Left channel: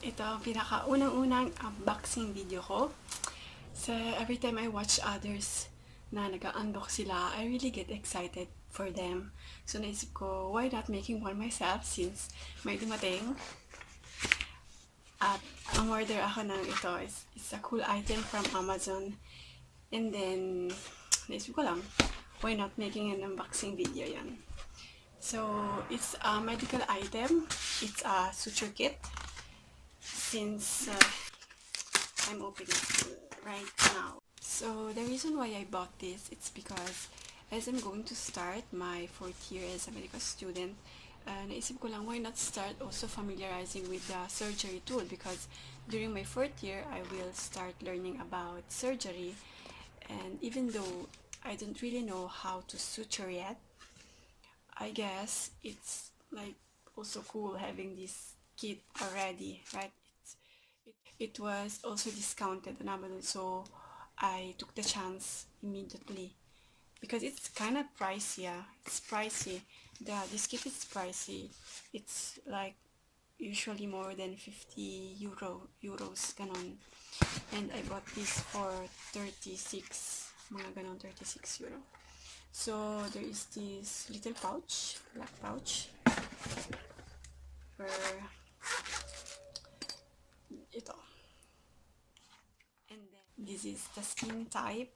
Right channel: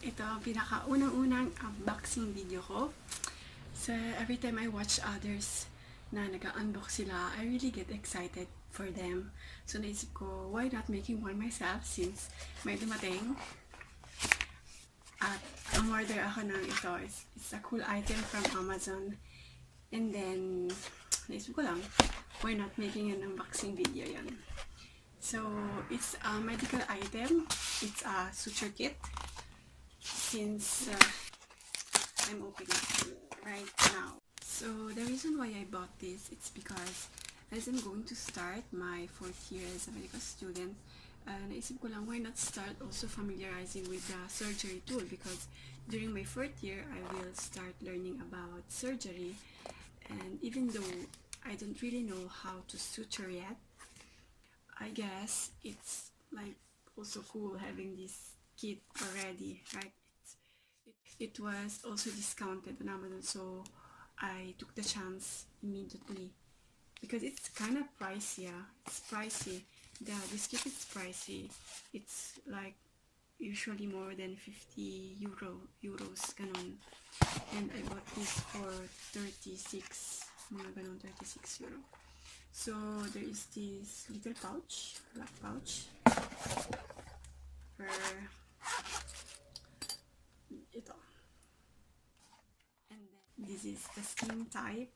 ito ang pinaka-unang-unang unboxing video ko. So, every time I watch others na nag-unbox sila, I really get excited for them. So, naisip ko, why not making one myself since may dumating. At ang order ako ng ito is it's a cool item from Amazon. And then, naisip ko lang, why not making an unboxing video yan. So, it's a medical item. It's a suture kit. Since I'm opening it right now. So, the reason why I bought this, it's because as I'm going to start my 4th year as a medical student, naisip ko lang, why not start also familiarizing with the surgery tool, because during my 4th year, I will start learning about surgery. And even though I don't really know how to suture yet, I guess it's like also cool having this kit already, right? It was also discounted on Amazon, so I took the chance immediately because it's kind of pricey. Yeah, it's pricey. This kit is pricey. It's like usually more than 50 euros ganon. And I bought this for 36, mga ganon, 36 euro. So there is this little pouch, black pouch, for ito. And then this is the skin type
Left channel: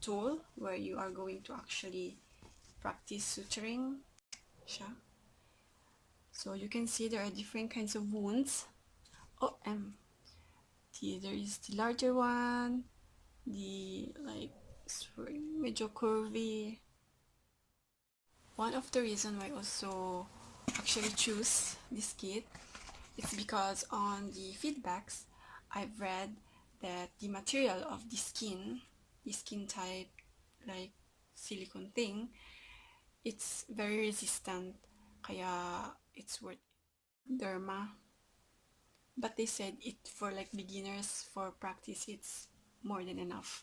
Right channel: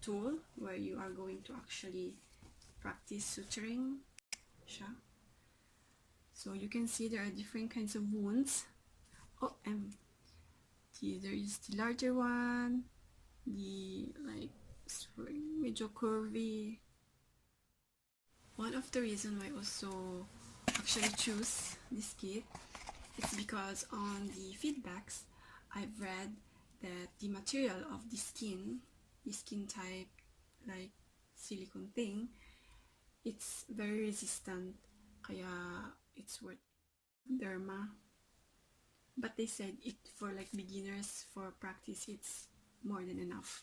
tool where you are going to actually practice suturing siya. So you can see there are different kinds of wounds. There is the larger one, the like medyo curvy. One of the reasons why I also actually choose this kit, it's because on the feedbacks I've read that the material of the skin type, like silicone thing, it's very resistant, kaya it's worth derma. But they said it for like beginners, for practice it's more than enough.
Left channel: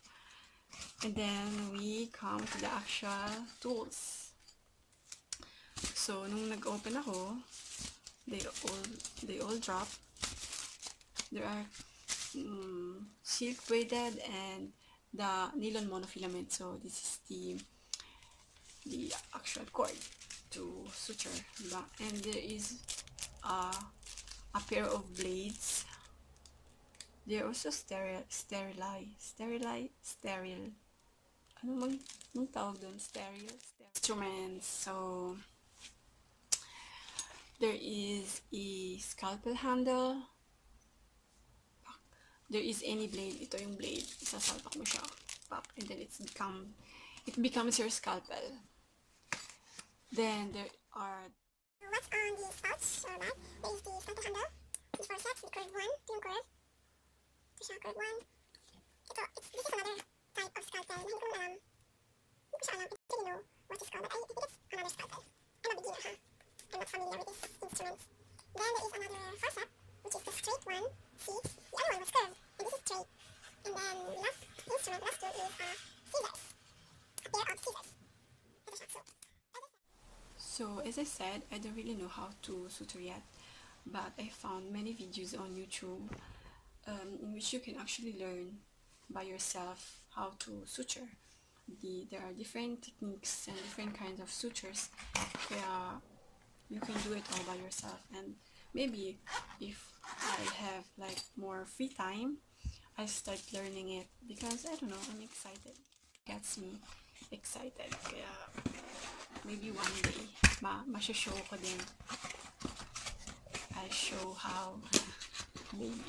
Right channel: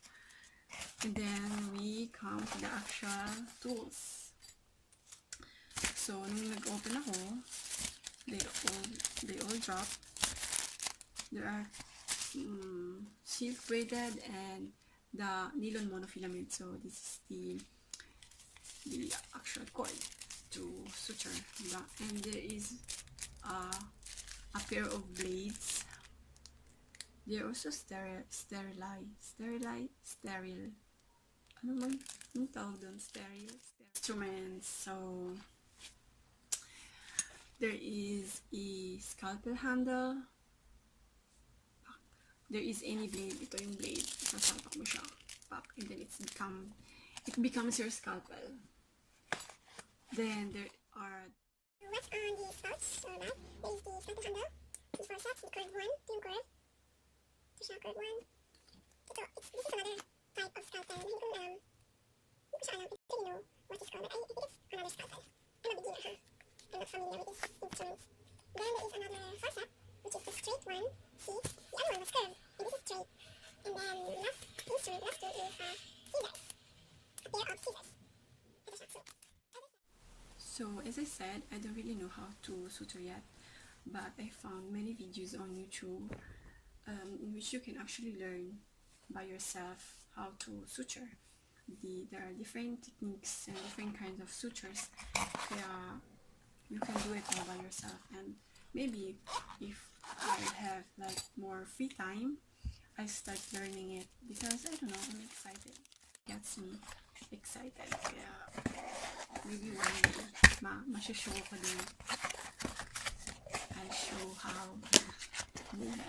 And then we come to the actual tools. So nung nag-open ako, they all drop. There are silk braided and the nylon monofilament. So this is the actual cord to suture, and there is a pair of blades. They're also sterile. Anong tawag doon? Sterile instruments. So there is a scalpel handle. There is any blade. Ito yung blade. Sasalpak mo siya. And then it becomes your scalpel. Then there are what's on the pouch or bag. There is the scalpel handle. It's for sets, the curved one, yung curve. Ito siya, curved one. This is another type of scalpel. Hindi ko alam. Hindi ko siya alam. I don't really know what it's called, but I think it's another scalpel. I'm a beginner, huh? I'm not familiar with this instrument. Then there is another forceps, which is the straight one. See? The other one was curved, and this is straight. And then the last instrument, last tool is scissors. A pair of scissors. Ito siya. So as I said, I don't really know how to suture yet, but I found many videos on YouTube in which you can actually learn by yourself how to suture. There are different techniques and different kinds of sutures. You can do it all by yourself, and maybe if I have like more free time, I start learning it because I don't know, I'm excited. It gets me excited. Kaya maybe one day masho-show ko din. I'll show how maybe.